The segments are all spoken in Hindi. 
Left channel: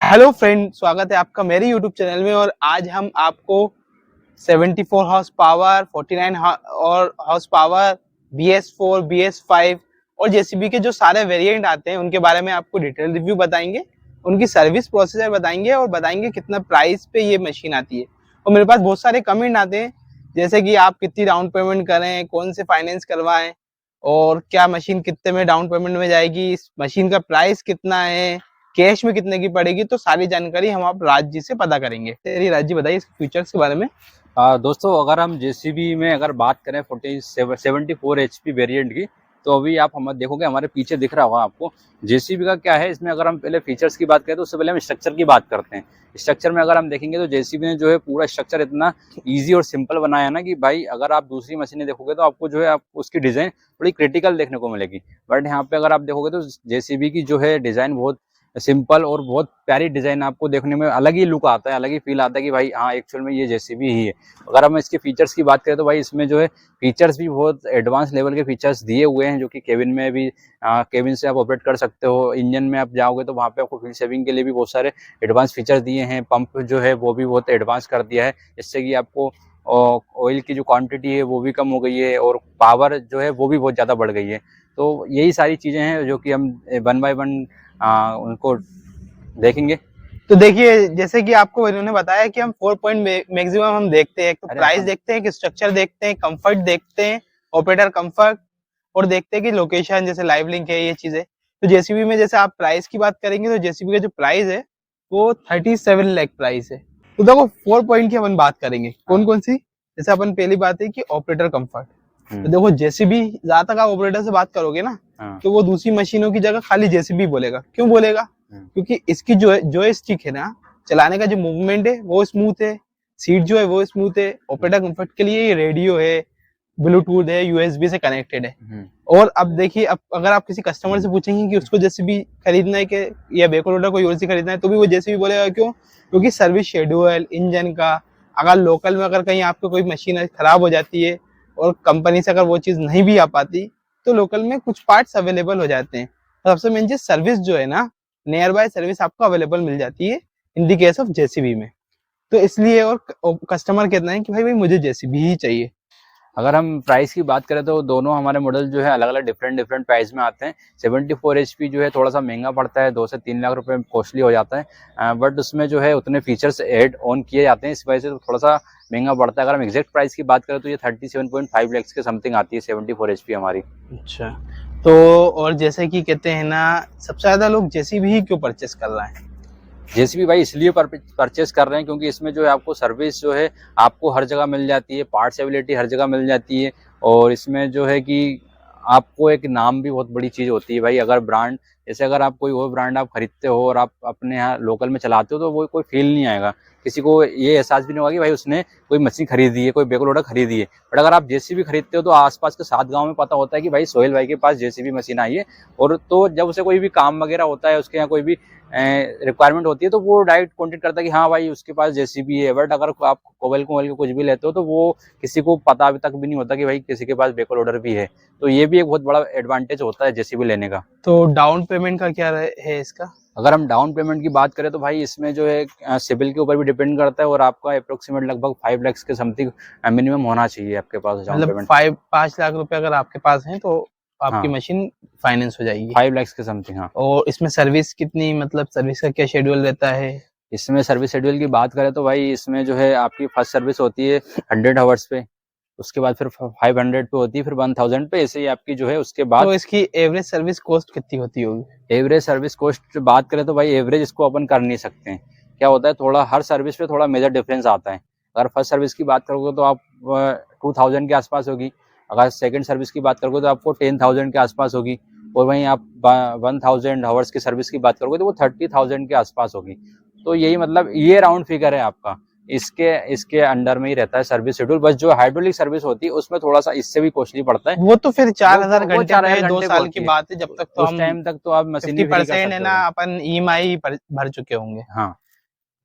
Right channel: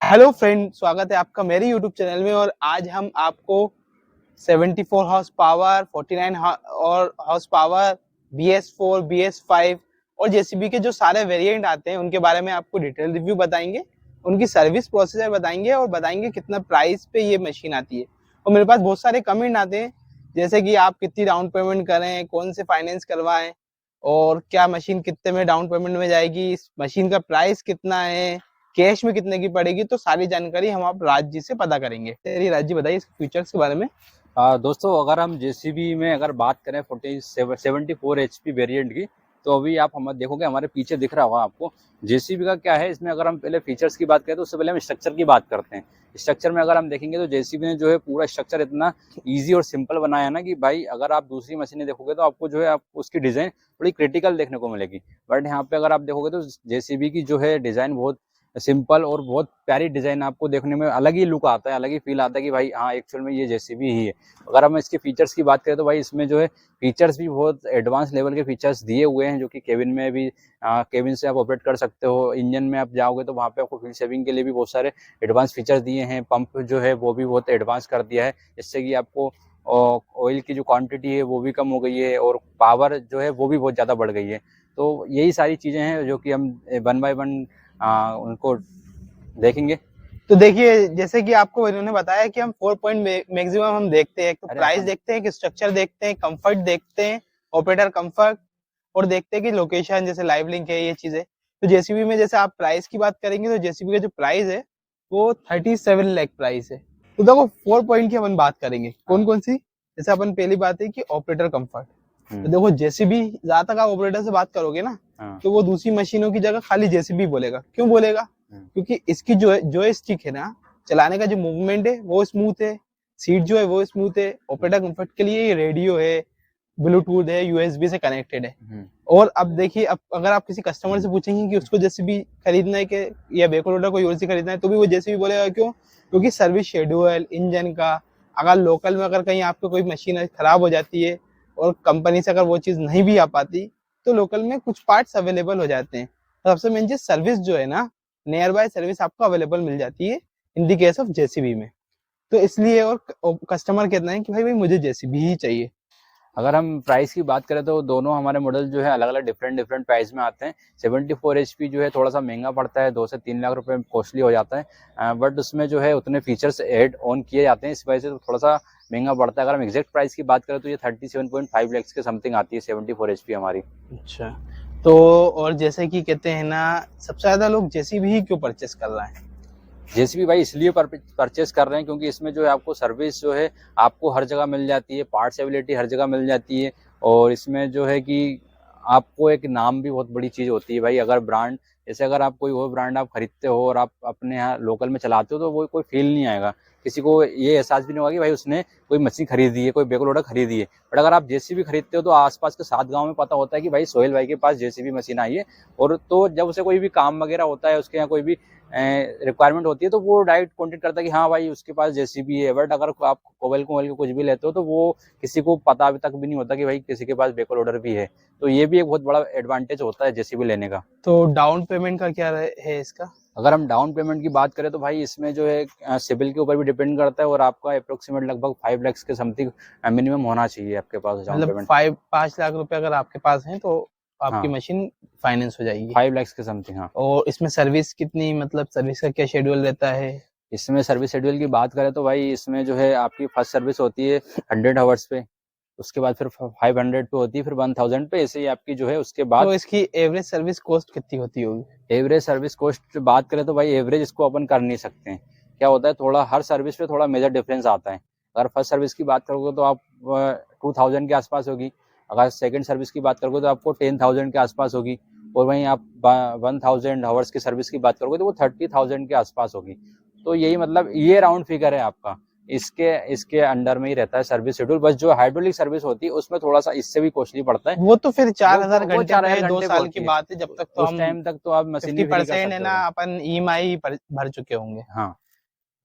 हेलो फ्रेंड, स्वागत है आपका मेरे यूट्यूब चैनल में। और आज हम आपको 74 हॉर्स पावर, 49 और हॉर्स पावर, BS4, BS5 और जेसीबी के जो सारे वेरिएंट आते हैं उनके बारे में आपको डिटेल रिव्यू बताएंगे, उनकी सर्विस प्रोसीजर बताएंगे और बताएंगे कितना प्राइस पे ये मशीन आती है। और मेरे पास बहुत सारे कमेंट आते हैं, जैसे कि आप कितनी डाउन पेमेंट करें, कौन से फाइनेंस करवाएं और क्या मशीन कितने में डाउन पेमेंट में जाएगी, इस मशीन का प्राइस कितना है, कैश में कितने की पड़ेगी। तो सारी जानकारी हम आप राज जी से पता करेंगे। तेरी राज जी बताइए इसके फीचर्स के बारे में। दोस्तों, अगर हम जेसीबी में अगर बात करें 74 HP वेरिएंट की, तो अभी आप हम देखोगे हमारे पीछे दिख रहा होगा आपको जेसीबी का क्या है। इसमें अगर हम पहले फीचर्स की बात करें तो उससे पहले हम स्ट्रक्चर की बात करते हैं। स्ट्रक्चर में अगर हम देखेंगे तो जेसीबी ने जो है पूरा स्ट्रक्चर इतना ईजी और सिंपल बनाया है ना कि भाई अगर आप दूसरी मशीनें देखोगे तो आपको जो है आप उसकी डिज़ाइन थोड़ी क्रिटिकल देखने को मिलेगी। बट यहाँ पे अगर आप देखोगे तो जेसीबी की जो है डिज़ाइन बहुत सिंपल और बहुत प्यारी डिज़ाइन, आपको देखने में अलग ही लुक आता है, अलग ही फील आता है कि भाई हाँ एक्चुअल में ये जेसीबी ही है। अगर हम इसके फीचर्स की बात करें तो भाई इसमें जो है फीचर्स भी बहुत एडवांस लेवल के फीचर्स दिए हुए हैं, जो कि केबिन में भी केबिन से आप ऑपरेट कर सकते हो। इंजन में आप जाओगे तो वहाँ पे आपको फ्यूल सेविंग के लिए भी बहुत सारे एडवांस फीचर्स दिए हैं। पंप जो है वो भी बहुत एडवांस कर दिया है, जिससे कि आपको ऑयल की जो क्वांटिटी है वो भी कम हो गई है और पावर जो है वो भी बहुत ज़्यादा बढ़ गई है। तो यही सारी चीज़ें हैं जो कि हम वन बाय वन उनको देखेंगे। तो देखिए, जैसे कि आपको इन्होंने बताया कि हम 4 पॉइंट मैक्सिमम हम देखते हैं, तो प्राइस देखते हैं, कि स्ट्रक्चर देखते हैं, कंफर्ट देखते हैं, ऑपरेटर कंफर्ट, और देखते हैं कि लोकेशन जैसे लाइव लिंक है, ये चीजें। तो जेसीबी में जैसे आप प्राइस की बात करेंगे तो जेसीबी का जो प्राइस है वो 37 लाख प्राइस है। तो देखो 4 पॉइंट की अपन बात करेंगे, कौन कौन सी। जैसे अपन पहली बात है कि ऑपरेटर कंफर्ट। तो देखो जेसीबी, जहां तक आप ऑपरेटर से बात करोगे ना, तो वो दूसरी मशीनों की जगह खाली जेसीबी बोलेगा। क्यों बोलेगा? क्योंकि इसकी जो स्टिक है ना, चलाने का जो मूवमेंट है वो स्मूथ है, सीट जो है वो स्मूथ है। ऑपरेटर कंफर्ट के लिए ये रेडियो है, ब्लूटूथ है, यूएसबी से कनेक्टेड है। और अब देखिए, अब अगर आप किसी कस्टमर से पूछेंगे कि उसको जेसीबी खरीदना है कि या बैक लोडर कोई और सी खरीदना है, तो भी वो जेसीबी बोलेगा। क्यों? क्योंकि सर्विस शेड्यूल इंजन का, अगर लोकल में अगर कहीं आपको कोई मशीन खराब हो जाती है और कंपनी से अगर वो चीज नहीं भी आ पाती, तो लोकल में कुछ पार्ट्स अवेलेबल हो जाते हैं। और सबसे मेन चीज, सर्विस जो है ना, नियर बाय सर्विस आपको अवेलेबल मिल जाती है इन दी केस ऑफ जेसीबी में। तो इसलिए, और कस्टमर कहते हैं कि भाई मुझे जेसीबी ही चाहिए। अगर हम प्राइस की बात करें तो दोनों हमारे मॉडल जो है अलग अलग डिफरेंट प्राइस में आते हैं। 74 HP जो है थोड़ा सा महंगा पड़ता है, 2 से 3 लाख रुपए कॉस्टली हो जाता है। बट उसमें जो है उतने फीचर्स ऐड ऑन किए जाते हैं, इस वजह से तो थोड़ा सा महंगा पड़ता है। अगर हम एग्जैक्ट प्राइस की बात करें तो ये 37.5 लैक्स के समथिंग आती है 74 HP हमारी। अच्छा। तो और जैसे कि कहते हैं ना, सबसे ज्यादा लोग जेसीबी ही क्यों परचेस कर रहे हैं? जेसीबी भाई इसलिए परचेस कर रहे हैं क्योंकि इसमें जो है आपको सर्विस जो है आपको हर जगह मिल जाती है, पार्ट्स एबिलिटी हर जगह मिल जाती है। और इसमें जो है कि आपको एक नाम भी बहुत बड़ी चीज़ होती है भाई। अगर ब्रांड, जैसे अगर आप कोई और ब्रांड आप खरीदते हो और आप अपने यहाँ लोकल में चलाते हो तो वो कोई फील नहीं आएगा, किसी को ये एहसास भी नहीं होगा कि भाई उसने कोई मशीन खरीदी है, कोई बैक लोडर खरीदी है। बट अगर आप जेसीबी खरीदते हो तो आसपास के 7 गांव में पता होता है कि भाई सोहेल भाई के पास जेसीबी मशीन आई है। और तो जब उसे कोई भी काम वगैरह होता है, उसके यहाँ कोई भी रिक्वायरमेंट होती है, तो वो डायरेक्ट कॉन्टेक्ट करता है कि हाँ भाई उसके पास जेसीबी है। बट अगर आप कोबल कोबल के कुछ भी लेते हो तो वो किसी को पता अभी तक भी नहीं होता कि भाई किसी के पास बैक लोडर भी है। तो ये भी एक बहुत बड़ा एडवांटेज होता है जेसीबी लेने का। तो डाउन पेमेंट का क्या है इसका? अगर हम डाउन पेमेंट की बात करें तो भाई इसमें जो है सिविल के ऊपर भी डिपेंड करता है, और आपका अप्रोक्सीमेट लगभग 5 लाख के समथिंग मिनिमम होना चाहिए आपके पास डाउन मतलब पेमेंट। 5 लाख रुपए अगर आपके पास है तो आपकी हाँ, मशीन फाइनेंस हो जाएगी। 5 लाख के समथिंग, हाँ। और इसमें सर्विस कितनी, मतलब सर्विस का क्या शेड्यूल रहता है? इसमें सर्विस शेड्यूल की बात करें तो भाई इसमें जो है आपकी फर्स्ट सर्विस होती है 100 आवर्स पे, उसके बाद फिर 500 पे होती है, फिर 1000 पे, ऐसे ही आपकी जो है उसके बाद। तो इसकी एवरेज सर्विस कॉस्ट कितनी होती होगी? एवरेज सर्विस कॉस्ट बात करें तो भाई एवरेज इसको अपन कर नहीं सकते हैं। क्या होता है, थोड़ा हर सर्विस पे थोड़ा मेजर डिफरेंस आता है। अगर फर्स्ट सर्विस की बात करोगे तो आप 2000 के आसपास होगी। अगर सेकंड सर्विस की बात करोगे तो आपको 10,000 के आसपास होगी। और वहीं आप 1000 आवर्स की सर्विस की बात करोगे तो वो 30,000 के आसपास होगी। तो यही मतलब ये राउंड फिगर है आपका। इसके इसके अंडर में ही रहता है सर्विस शेड्यूल। बस जो हाइड्रोलिक सर्विस होती है उसमें थोड़ा सा इससे भी कॉस्टली पड़ता है। वो तो फिर 4,000 वो घंटे 4,000 पे, दो घंटे पे साल की होती है। बात है, जब तक तो उस हम टाइम तक तो आप मशीन भी फ्री कर 50% है सकते ना, हो। अपन ईएमआई भर चुके होंगे। हाँ।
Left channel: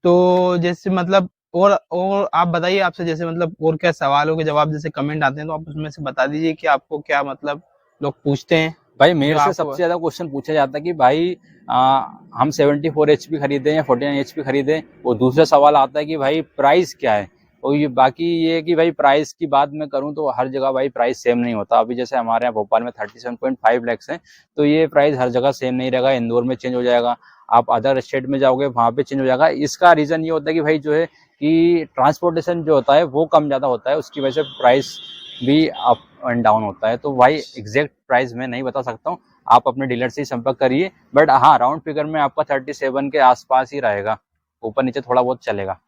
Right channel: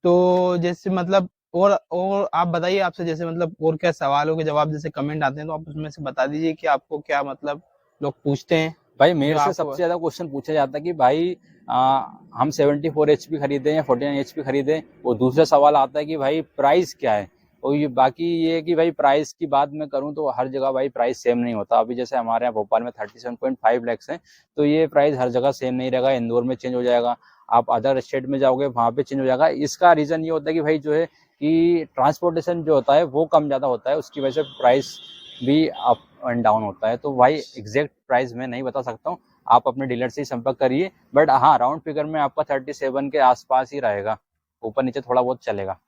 तो जैसे मतलब, और आप बताइए, आपसे जैसे मतलब और क्या सवालों के जवाब जैसे कमेंट आते हैं तो आप उसमें से बता दीजिए कि आपको क्या मतलब लोग पूछते हैं। भाई मेरे जो से आपको सबसे ज्यादा क्वेश्चन पूछा जाता है कि भाई हम 74 HP खरीदें या 49 HP खरीदें। वो दूसरा सवाल आता है कि भाई प्राइस क्या है। और ये बाकी ये है कि भाई प्राइस की बात मैं करूं तो हर जगह भाई प्राइस सेम नहीं होता। अभी जैसे हमारे यहाँ भोपाल में 37.5 लैक्स है, तो ये प्राइस हर जगह सेम नहीं रहेगा। इंदौर में चेंज हो जाएगा, आप अदर स्टेट में जाओगे वहां पे चेंज हो जाएगा। इसका रीजन ये होता है कि भाई जो है कि ट्रांसपोर्टेशन जो होता है वो कम ज़्यादा होता है, उसकी वजह से प्राइस भी अप एंड डाउन होता है। तो भाई एग्जैक्ट प्राइस मैं नहीं बता सकता हूँ, आप अपने डीलर से ही संपर्क करिए। बट हाँ, राउंड फिगर में आपका 37 के आसपास ही रहेगा, ऊपर नीचे थोड़ा बहुत चलेगा।